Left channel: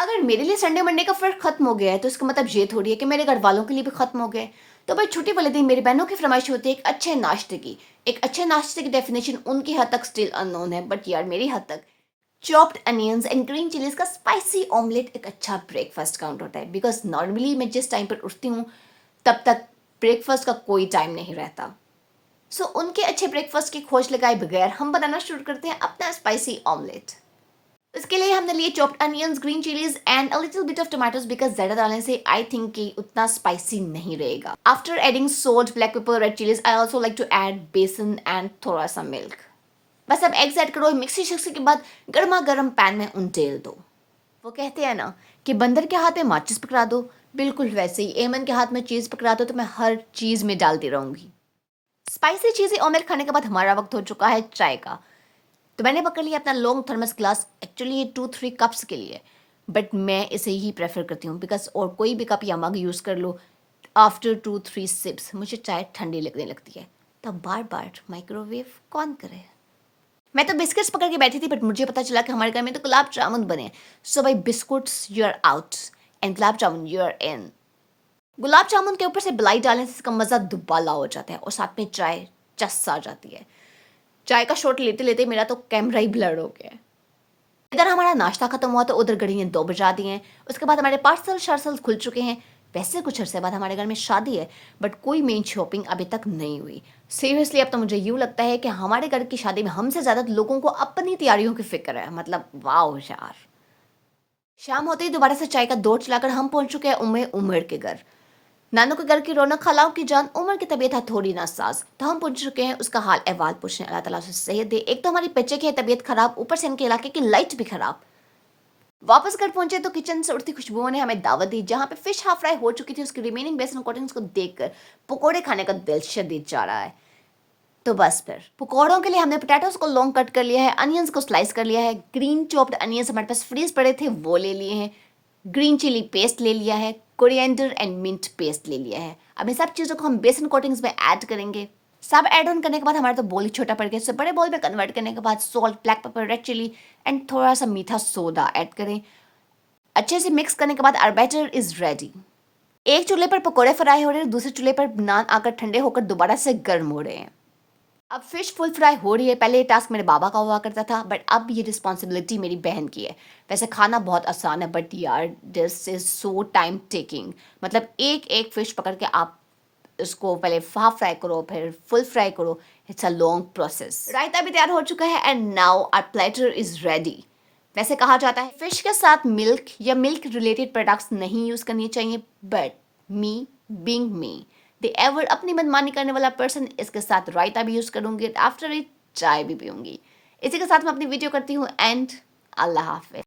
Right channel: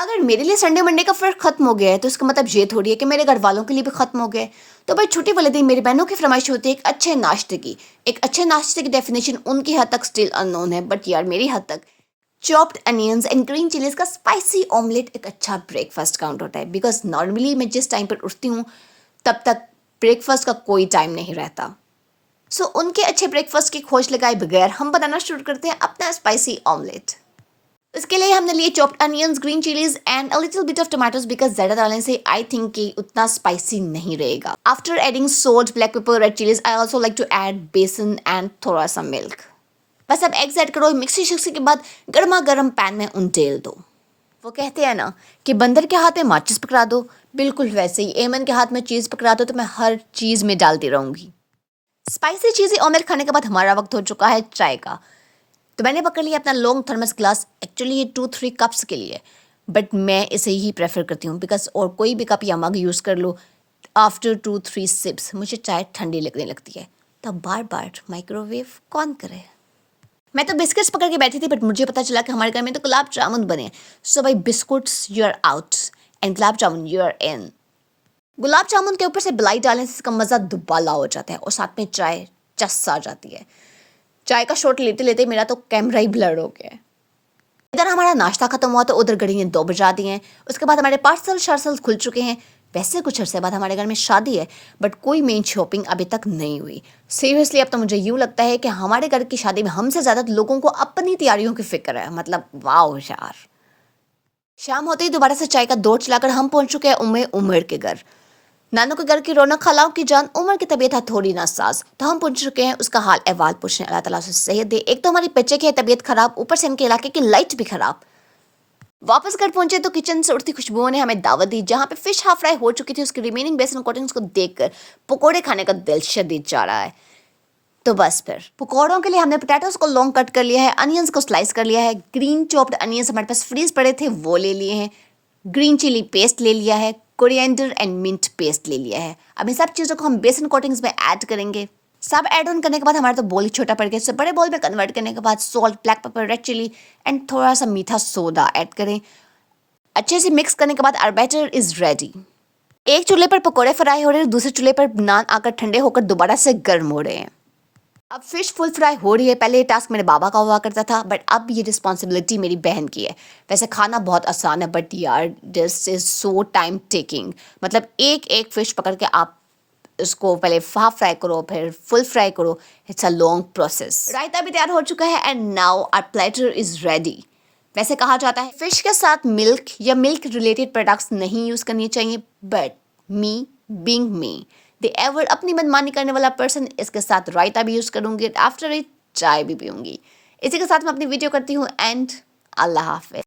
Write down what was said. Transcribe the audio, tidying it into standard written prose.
अगर मेरे लिए संडे मंडे का फ़र्क खत्म हो गया है तो इसका मतलब ये थोड़ी है कि मेरे घर वालों के लिए भी खत्म हो गया है। तो भाई छुट्टी वाले दिन मेरी बहनों की फरमाइश होती है एक अच्छे नाश्ते की। एक अच्छे नाश्ते की डेफिनेशन उनकी हद तक स्टिल अननोन है, बट यार मेरी हद तक chopped onions and green chillies का स्पाइसी ऑमलेट एक अच्छा ब्रेकफास्ट काउंट होता है। बिकॉज नॉर्मली मैं जिस टाइम पर उठती हूँ तब तक ब्रेकफास्ट का कोई टाइम नहीं रहता। सो उनके अच्छे ब्रेकफास्ट की खोज लगाए बगैर हम बनाना शुरू करते हैं अपना स्पाइसी ऑमलेट। इसके लिए हमने लिए chopped onions, green chillies and a little bit of tomatoes, because ज़्यादा डालने से आई थिंक कि उतना स्पाइसी नहीं रहेगा। After adding salt, black pepper, red chillies, I also like to add besan and थोड़ा सा मिल्क। बस अब एग्स ऐड करो, मिक्सी शिक्सी के बाद गर्मा गर्म पैन में उंडेल दो। वो कहते हैं ना कि बंदर के हाथ में माचिस पकड़ा दो, बिल्कुल वैसे ही एमन के हाथ में चीज़ पकड़ा दो तो मैं हर चीज़ में डालती रहूंगी। स्पाइसी चीज़ें ऑमलेट खाने के बाद हमारा वक्त हो चुका है चाय का। तो मैंने पकड़ लिया अपना लॉन्ग थर्मस ग्लास। एक्चुअली ये 2-3 कप्स के लिए, बट मैं इसे ही प्रेफर करती हूँ बिकॉज और कोई भी कप या मग यूज़ कर लो, आफ्टर 2-3 सिप्स मुझे चाय ठंडी लगने लगती है। तो बार बार माइक्रोवेव कौन करे। मैं तो बिस्किट्स पकड़ के बैठी थी, बट मुझे पता चला कि हमारे घर में तो गुलाब जामुन बने। सो भाई biscuits you are out and gulab jamun you are in. Gulab jamun के ऊपर से मलाई डालने से इसका मज़ा दुबाला हो जाता है और साथ में चाय चस आ जाती है। चाय का शॉट लेते लेते मेरा तो कैमरा ही ब्लर हो गया है। इधर हमारा नाश्ता खत्म हुआ तो उधर घड़ी ने 2 बजा दिए हैं। उसके बाद हमारे पार्सल शार्सल खुल चुके हैं। वैसे कुछ अरसे बाद हमारे घर में शादी है, बट कोई मेन शॉपिंग अभी तक नहीं हुई। सीरियसली अब तो मुझे यूँ लगता है कि हमारे घर की शादी में हमसे ज़्यादा लोगों को अपनी तैयारियों की फिक्र है। मतलब वाह यार। शाम होते ही दोबारा से चाय का दौर चलाकर हम पहुंच चुके हैं उमर के घर। नानू के घर की रौनक खलाओं की जान। उमर की तबीयत है थोड़ी नासाज, तो हम पहुंच चुके हैं उसका हाल अहवाल पूछने। अल्लाह ताला से सेहत दे। एक तो हमारी बच्चे की है तबीयत खराब, ऊपर से इनके इलाके की लाइट भी खराब। वापस घर पहुंचे तो किचन से उड़ती खुशबुओं ने हमें दावत दी। जहां पे फिश हाफ फ्राई हो चुकी थी, उसकी रिमेनिंग बेसन कोटिंग्स को देखकर पकोड़े खाने का दिल शदीद जा रहा है। तो बस फिर पकौड़ों के लिए हमने पोटैटोस को लॉन्ग कट कर लिया है, अनियंस को स्लाइस कर लिया है, ग्रीन चॉप्ड अनियंस हमारे पास फ्रीज पड़े थे वो ले लिए हैं, ग्रीन चिली पेस्ट ले लिया है, कोरिएंडर एंड मिंट पेस्ट ले लिया है। अब इन सब चीज़ों को हम बेसन कोटिंग्स में ऐड करेंगे। सब ऐड ऑन करने के बाद हमारा तो बोल ही छोटा पड़ गया। सब बड़े बोल में कन्वर्ट करने के बाद salt, black pepper, red chilli and थोड़ा सा मीठा सोडा ऐड करें। अच्छे से मिक्स करने के बाद आवर बैटर इज रेडी। एक चूल्हे पर पकोड़े फ्राई हो रहे हैं, दूसरे चूल्हे पर नान आकर ठंडे होकर दोबारा से गर्म हो रहे हैं। अब फिश फुल फ्राई हो रही है। पहले ये टास्क मेरे बाबा का हुआ करता था, बट अब ये रिस्पॉन्सिबिलिटी मेरी बहन की है। वैसे खाना बहुत आसान है, बट यार this is so time taking. मतलब एक एक फिश पकड़ के आप इसको पहले हाफ फ्राई करो, फिर फुल फ्राई करो। It's a long process. Raita भी तैयार हो चुका है and now our platter is ready. वैसे कहा जाता है फिश के साथ मिल्क या मिल्क रिलेटेड प्रोडक्ट्स नहीं यूज़ करनी चाहिए, but me being me they ever अपनी मनमानी करने वाला पर्सन इसके साथ रायता भी यूज़ करूँगी, आफ्टर इट चाय भी पीऊँगी। इसी के साथ मैं अपनी वीडियो करती हूँ एंड अल्लाह हाफिज़।